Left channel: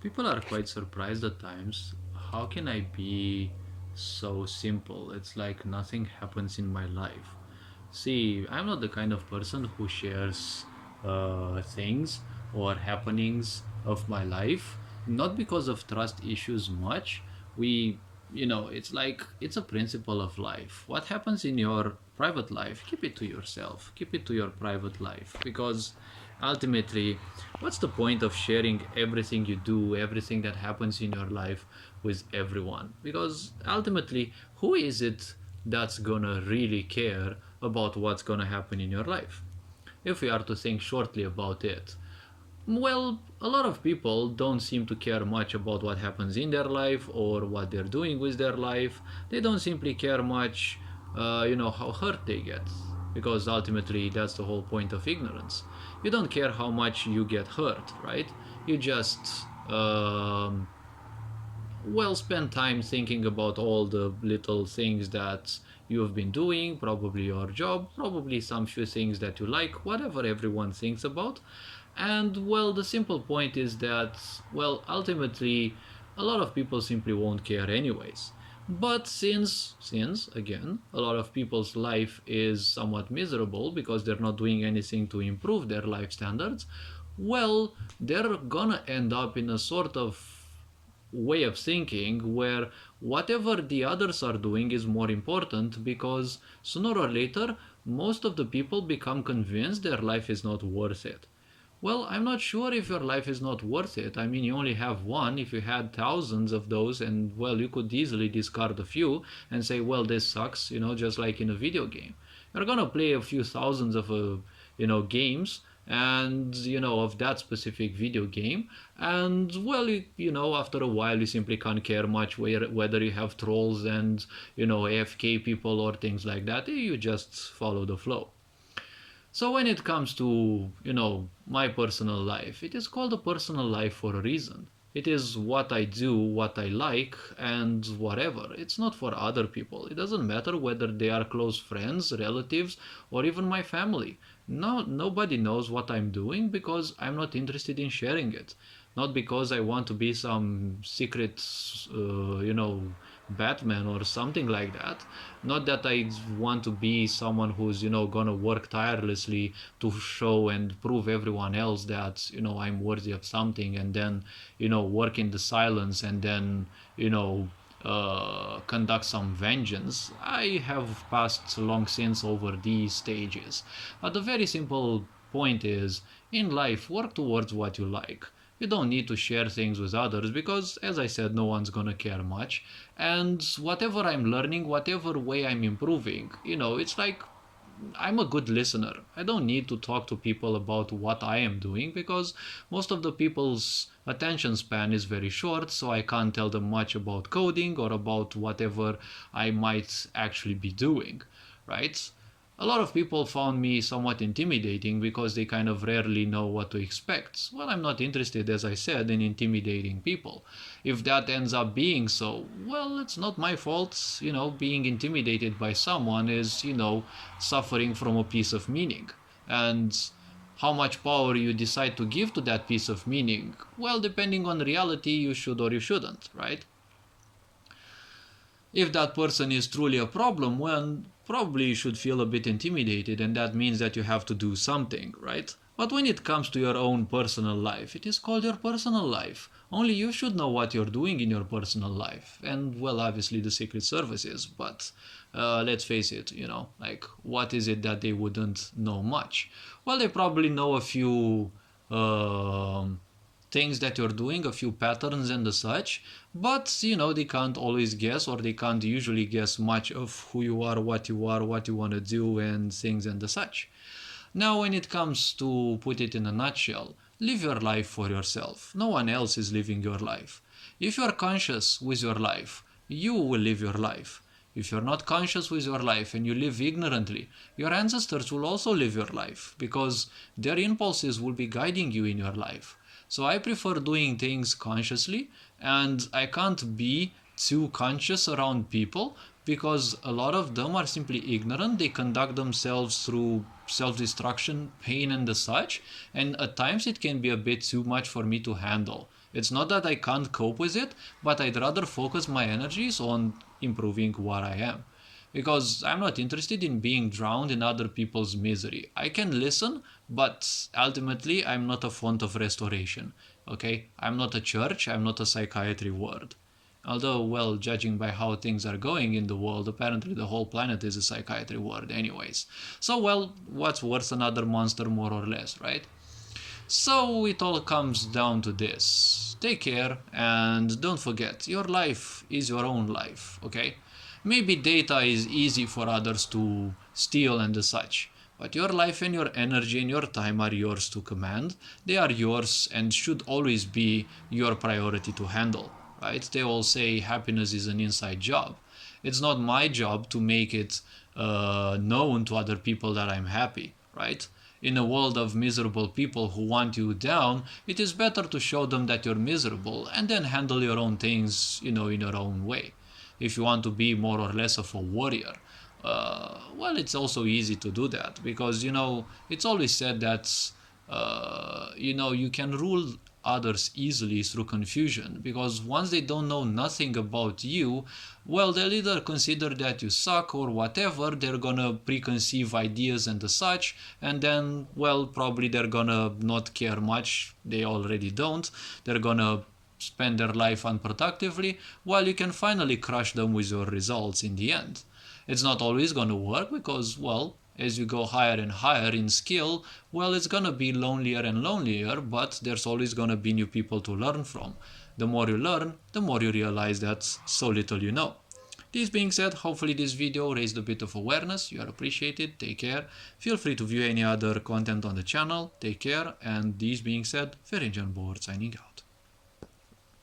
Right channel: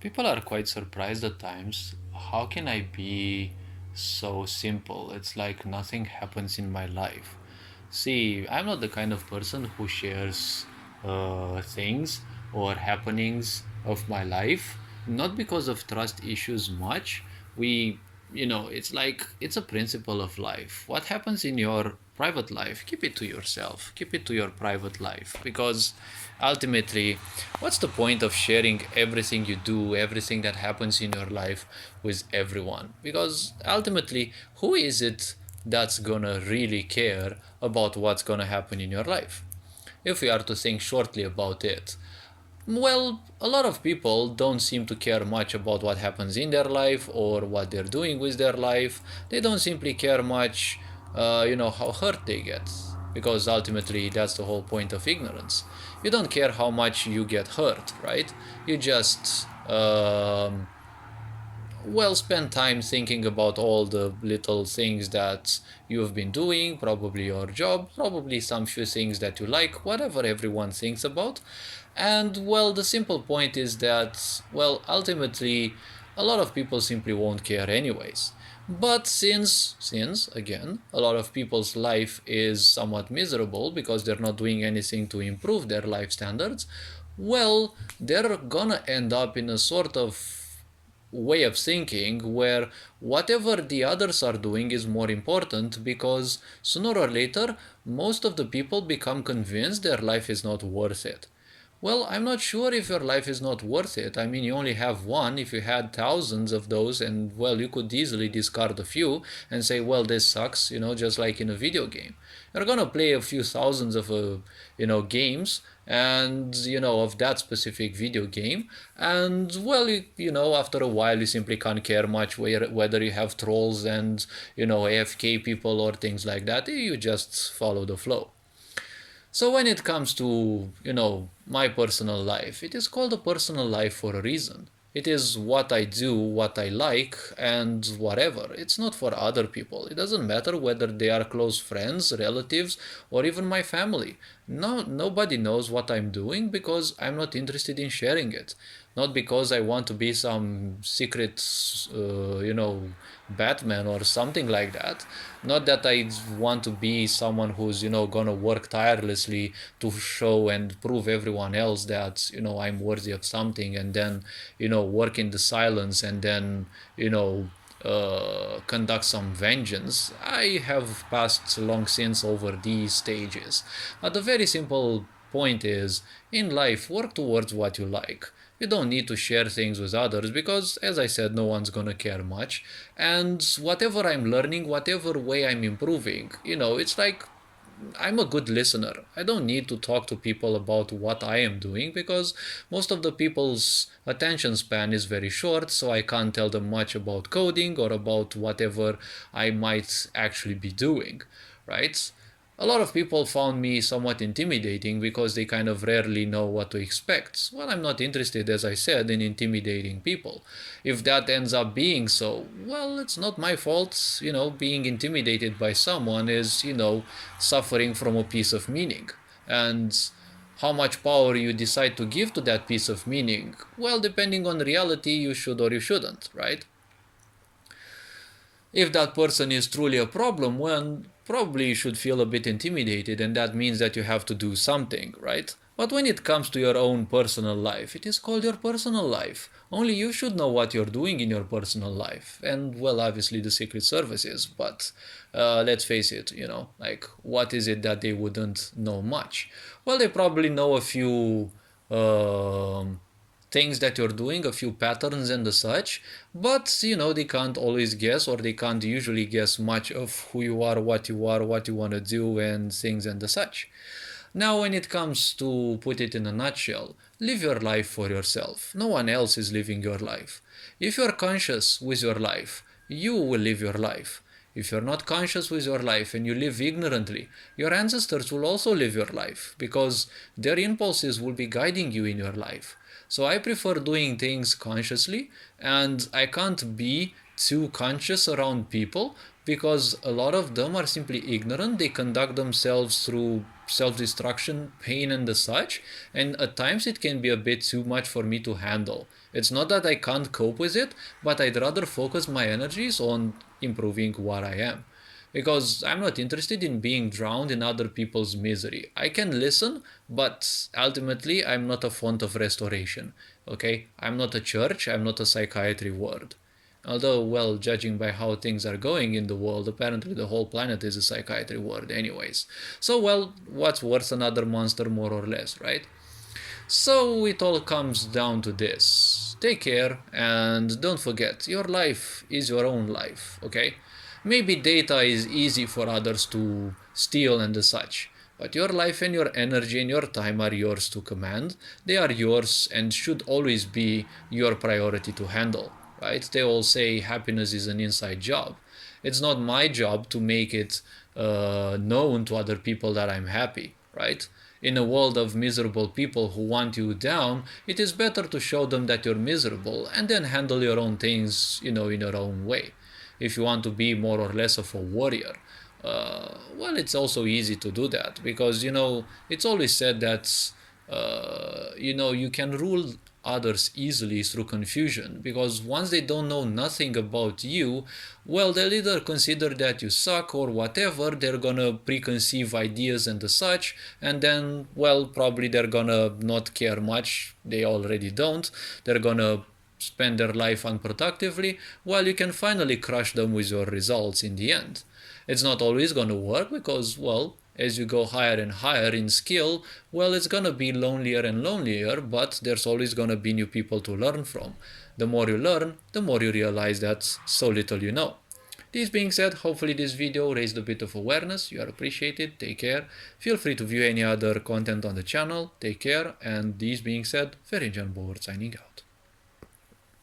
People are quite surprised at times. How can I be so simple? It's like nothing happens in my life. See, I'm not the kind of person who shares things or happenings of my life, not because of trust issues much. It's like it's a principle of life. What happens in your private life, keep it to yourself, keep it to your private life, because ultimately, what's the point of sharing everything you do, everything that happens in your life with everyone? Because ultimately, who is it that's gonna really care about what's gonna happen in your life? If we are to think shortly about it, well, a lot of people don't seem to care much about what happens in their life or what they're doing with their life. They don't simply care much, how hurt they get. Because ultimately, that's the whole point of ignorance. You don't care how much you get hurt, right? You just spend time thinking about all the little things that you've been doing, probably your job, probably some few things that you like, whatever everyone thinks about. And the simple point is that, ultimately, a lot of people simply won't care anyways. But since again, a lot of people's life is somewhat miserable because they're not doing anything to improve their life standards, they're gonna end up in a sort of way of thinking where whatever the others are doing is more important, because sooner or later most of the people become convinced their life is not worth it. Well, I'm not sure if your life is not worth it. I mean, you only have one. If you had thousands of those, and you could easily discard a few and say, well, this sucks, just like in a video game. You're gonna play a few thousands of, games, and, of that specific video game. And, after a while, you simply can't care much whether you have trolls and, AFK people or things like that. You just follow the flow. So when it comes to, my personal life, it is called a personal life for a reason. It is what I do, what I like, and whatever. It's not for other people. It doesn't matter whether they are close friends, relatives, or even my family. No, nobody knows what I'm doing because I'm not interested in sharing it. Not because I want to be some secret, Batman or something like that. Not that I want to be someone who's, gonna work tirelessly to show and prove everyone else that, I'm worthy of something, and then, work in the silence, and then, conduct some vengeance. I have passed long since over these stages. But the very simple point is, in life, work towards what you like. You don't need to share things with others because, as I said, no one's gonna care much. And whatever I'm learning, whatever way I'm improving, it's like I'm a good listener. I don't need to talk to people about what I am doing because most of the people's attention span is very short, so I can't tell them much about coding or about whatever I might actually be doing, right? A lot of people found me somewhat intimidating because they kind of rarely know what to expect. Well, I'm not interested, as I said, in intimidating people. If that ends up being so, it's not my fault. Being intimidated by someone is, suffering from a piece of meaning. And how much power you decide to give to that piece of meaning, depending on reality, you should or you shouldn't, right? If that person is truly a problem, probably you should feel a bit intimidated, and that means that you have to do something, right? But when it comes to your own personal life, it is called your personal life. Only you should know what you're doing in your personal life. And, obviously the Secret Service is, but let's face it, like, what is it that they wouldn't know much? Well, they probably know a few things that you're doing, a few patterns and the such, but they can't always guess, or they can't usually guess much of who you are, what you want to do, and things and the such. Now, when it comes to put it in a nutshell, live your life for yourself. No one else is living your life. If you're conscious with your life, you will live your life. If you're not conscious with your life and you live ignorantly, your ancestors will also live your life because their impulses will be guiding you in your life. So I prefer doing things consciously, and I can't be too conscious around people because a lot of them are simply ignorant. They conduct themselves through self-destruction, pain, and the such, and at times it can be a bit too much for me to handle. It's not that I can't cope with it, but I'd rather focus my energies on improving what I am. Because I'm not interested in being drowned in other people's misery. I can listen, but ultimately I'm not a font of restoration. Okay? I'm not a church, I'm not a psychiatry ward. Although, well, judging by how things are going in the world, apparently the whole planet is a psychiatry ward, anyways. So, well, what's worth another monster, more or less, right? So, it all comes down to this. Take care, and don't forget, your life is your own life, okay? Maybe data is easy for others to steal and such, but your life and your energy and your time are yours to command. They are yours and should always be your priority to handle, right? They all say happiness is an inside job. It's not my job to make it known to other people that I'm happy, right? In a world of miserable people who want you down, it is better to show them that you're miserable and then handle your own things, in your own way. If you want to be more or less of a warrior, well, it's also easy to do that because, it's always said that, you can rule others easily through confusion because once they don't know nothing about you, well, they'll either consider that you suck or whatever, they're gonna preconceive ideas and the such, and then, well, probably they're gonna not care much, they already don't, they're gonna spend their life unproductively, while you can finally crush them with your results in the end. It's not always gonna work because, well, as you go higher and higher in skill, well, it's gonna be lonelier and lonelier, but there's always gonna be new people to learn from. The more you learn, the more you realize that so little you know. This being said, hopefully this video raised a bit of awareness. You are appreciated. Take care. Feel free to view any other content on the channel. Take care. And this being said, Ferenc Jan Bohort signing out.